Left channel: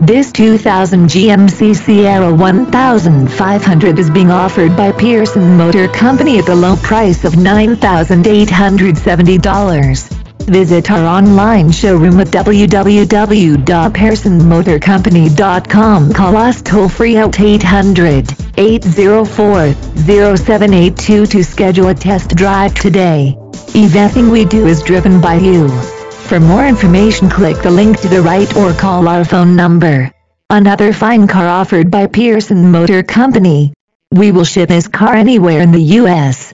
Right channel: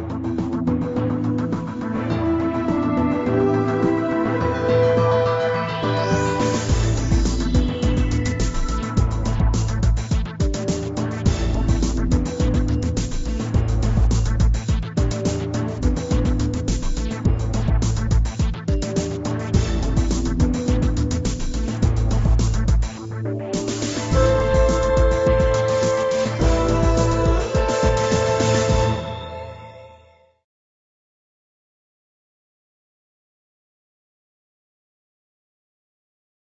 This 2000 GMC Sierra 1500 is being offered by Pearson Motor Company at the low price of $9,870. Visit our online showroom at www.pearsonmotorcompany.com. Call us toll-free at 800-804-0782 to schedule a test drive today. Everything we do is driven by you. For more information, click the link to the right or call our phone number. Another fine car offered by Pearson Motor Company. We will ship this car anywhere in the U.S.